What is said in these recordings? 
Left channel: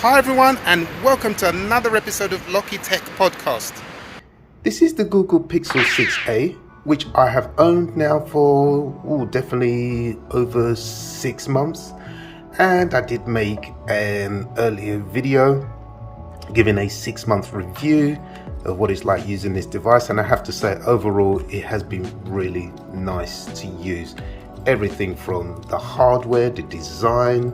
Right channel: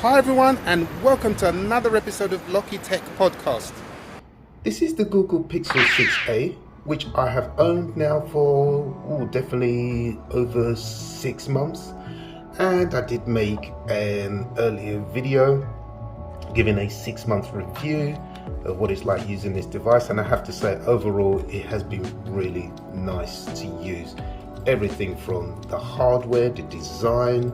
Hi everyone, and welcome to another episode of Locky Tech Podcast. This is the Google Pixel 6a, which I have owned now for definitely over 6 months. And I did make an earlier video giving a 6-month review of what it's like using this device. And I have to say, overall, it has been really nice to use. Everything from the hardware, the design,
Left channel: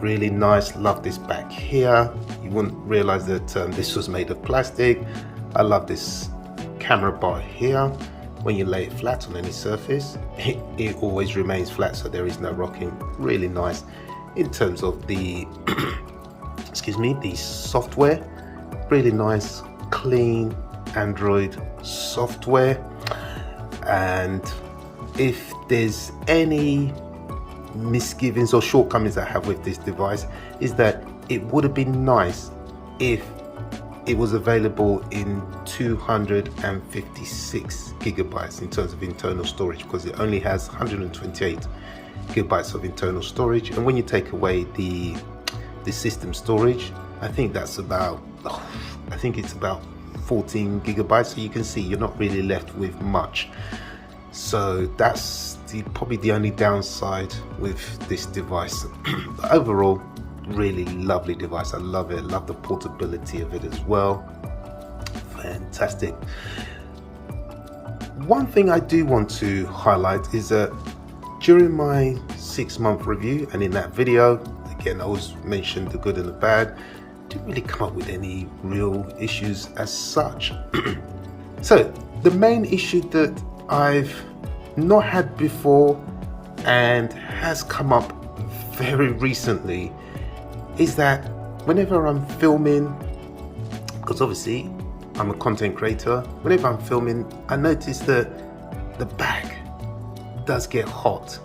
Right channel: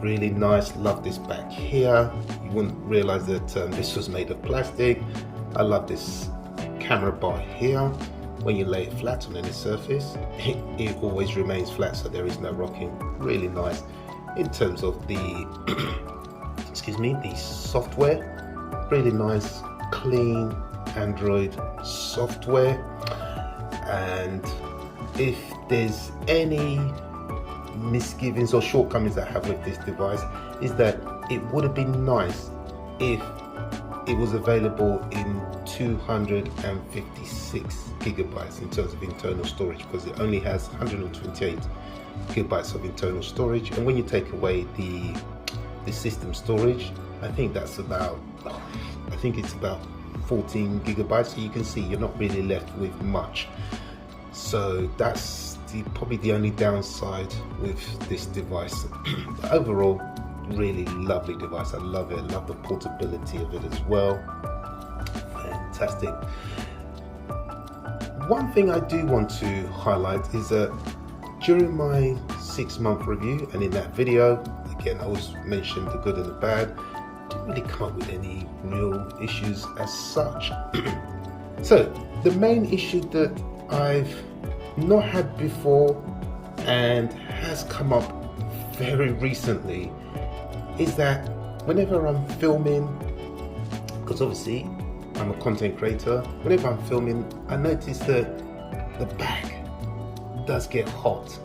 really nice. Love this back here. You wouldn't realize that this was made of plastic. I love this camera bar here. When you lay it flat on any surface, it always remains flat, so there is no rocking. Really nice. In terms of the the software, really nice, clean Android software. And if there's any misgivings or shortcomings I have with this device, is that it would have been nice if it was available in 256 gigabytes in terms of internal storage, because it only has 128 gigabytes of internal storage. And when you take away the system storage, I think it's about 14 gigabytes. So you can see you're not really left with much. So that's probably the only downside with this device. Overall, really lovely device. I love it. I love the portability of it as well. Fantastic. One thing I do want to highlight is that during my 6-month review, and in that video, again, I always mentioned the good and the bad, didn't really come up with any real issues as such. So the main issue that I've not had before and has come up very recently is that whenever I'm filming, because obviously I'm a content creator, whenever I'm filming, I notice that the back does get hot.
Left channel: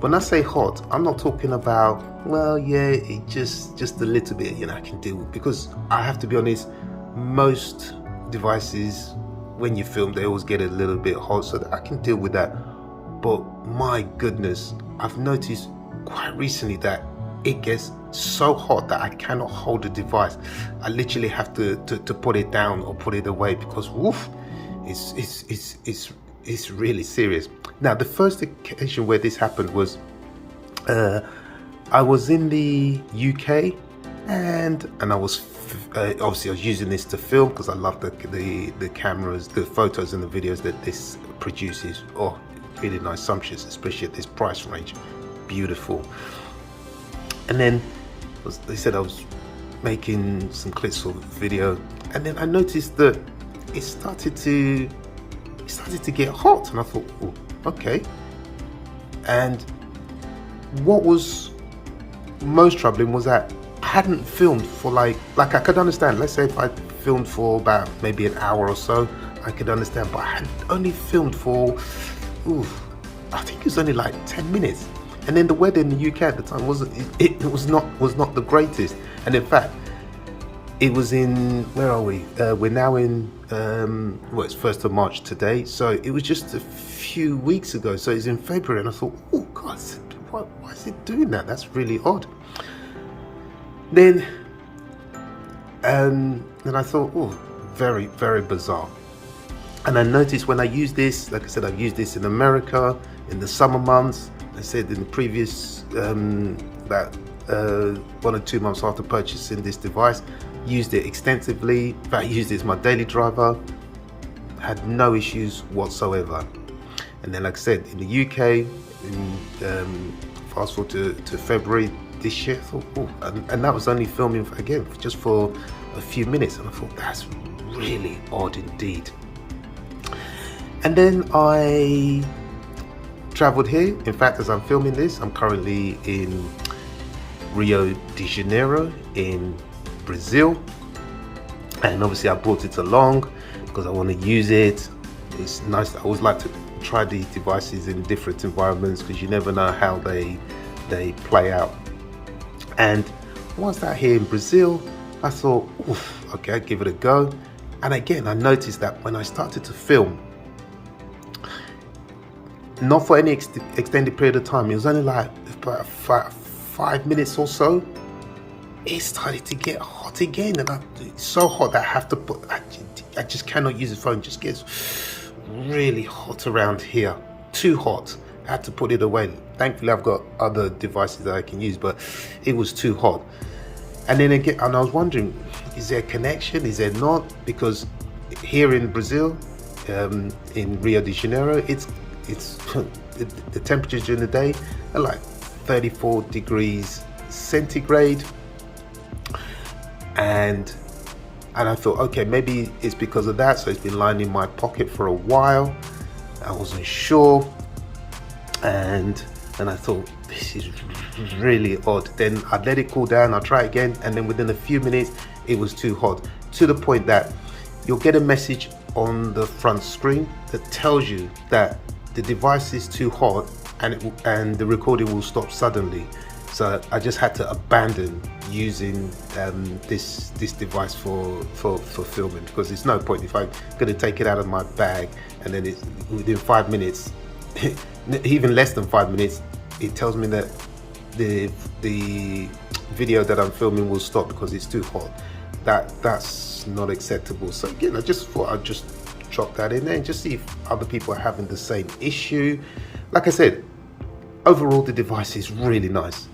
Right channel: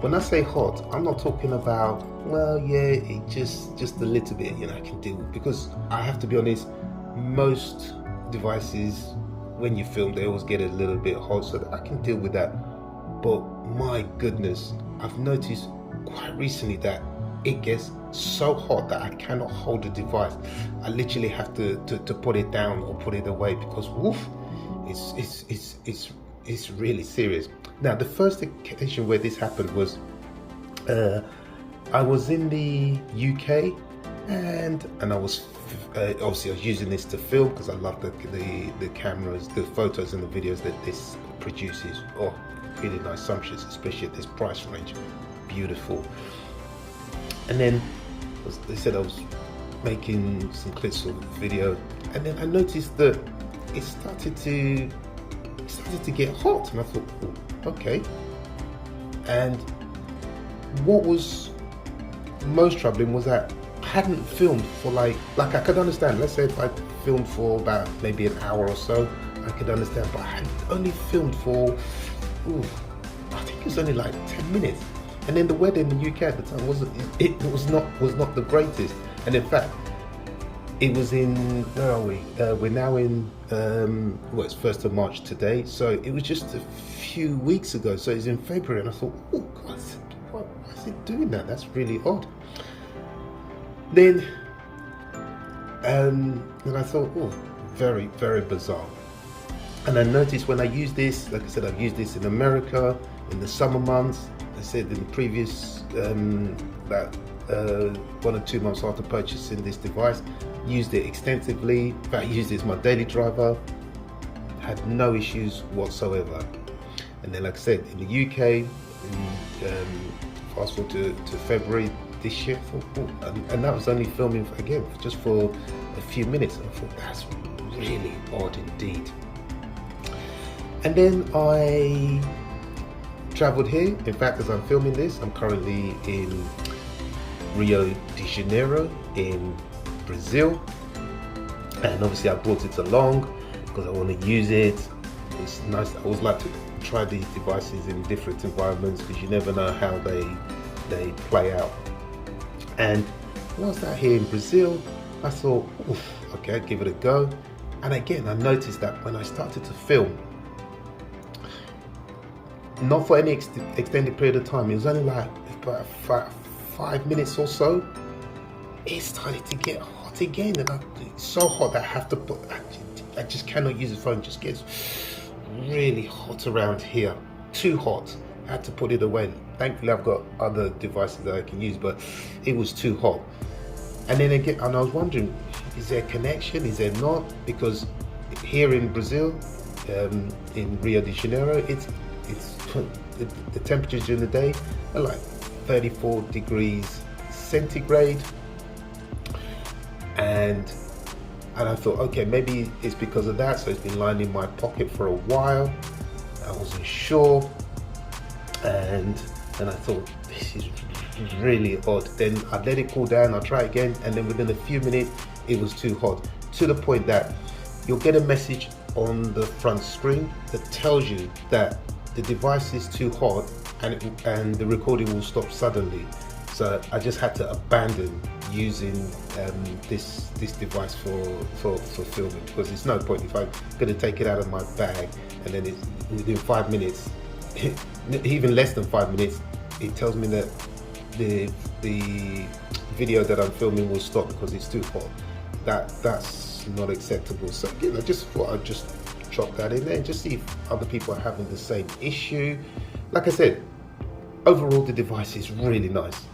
When I say hot, I'm not talking about, it just a little bit, I can deal with, because I have to be honest, most devices, when you film, they always get a little bit hot, so that I can deal with that. But my goodness, I've noticed quite recently that it gets so hot that I cannot hold the device. I literally have to put it down or put it away, because it's really serious. Now, the first occasion where this happened was I was in the UK, and I was obviously I was using this to film because I love the cameras, the photos and the videos that this produces. Oh, really nice, sumptuous, especially at this price range. Beautiful. And then they said I was making some clips for the video, and then I noticed that it started to get hot, and I thought, oh, okay. And what was most troubling was that I hadn't filmed for like I could understand, let's say if I filmed for about maybe an hour or so, I could understand, but I had only filmed for I think it was only like 10 minutes. And then the weather in the UK at the time was not the greatest. And in fact, it was in, where are we? We're now in it's 1st of March today, so it was just a few weeks ago. So it's in February, and I thought, oh God, why is it doing that? That's really odd. Then I thought, oh, very, very bizarre. And I noticed when I use this, like I said, I've used this in America in the summer months. I said in the previous about 1 or 2 months after purchasing this device, used it extensively. In fact, I used it as my daily driver, had no issues whatsoever. And then, like I said, in the UK, fast forward to February this year, I thought, and that was only filming again just for a few minutes, and I thought that's really odd indeed. And then I traveled here. In fact, as I'm filming this, I'm currently in Rio de Janeiro in Brazil, and obviously I brought it along because I want to use it. It's nice. I always like to try these devices in different environments because you never know how they play out. And whilst out here in Brazil, I thought, okay, I'll give it a go. And again, I noticed that when I started to film, not for any extended period of time, it was only like about 5 minutes or so, it started to get hot again, and it's so hot that I have to put. I just cannot use the phone. It just gets really hot around here. Too hot. I had to put it away. Thankfully, I've got other devices that I can use, but it was too hot. And then again, and I was wondering, is there a connection? Is there not? Because here in Brazil, in Rio de Janeiro, it's the temperatures during the day are like 34 degrees centigrade, and I thought, okay, maybe it's because of that. So it's been lying in my pocket for a while. I wasn't sure, and I thought, this is really odd. Then I let it cool down. I try again, and then within a few minutes, it was too hot, to the point that you'll get a message on the front screen that tells you that the device is too hot, and the recording will stop suddenly. So I just had to abandon using this device for filming, because there's no point if I'm going to take it out of my bag and then within 5 minutes, even less than 5 minutes, it tells me that the video that I'm filming will stop because it's too hot. That's not acceptable. So again, I just thought I'd just drop that in there and just see if other people are having the same issue. Like I said, overall the device is really nice.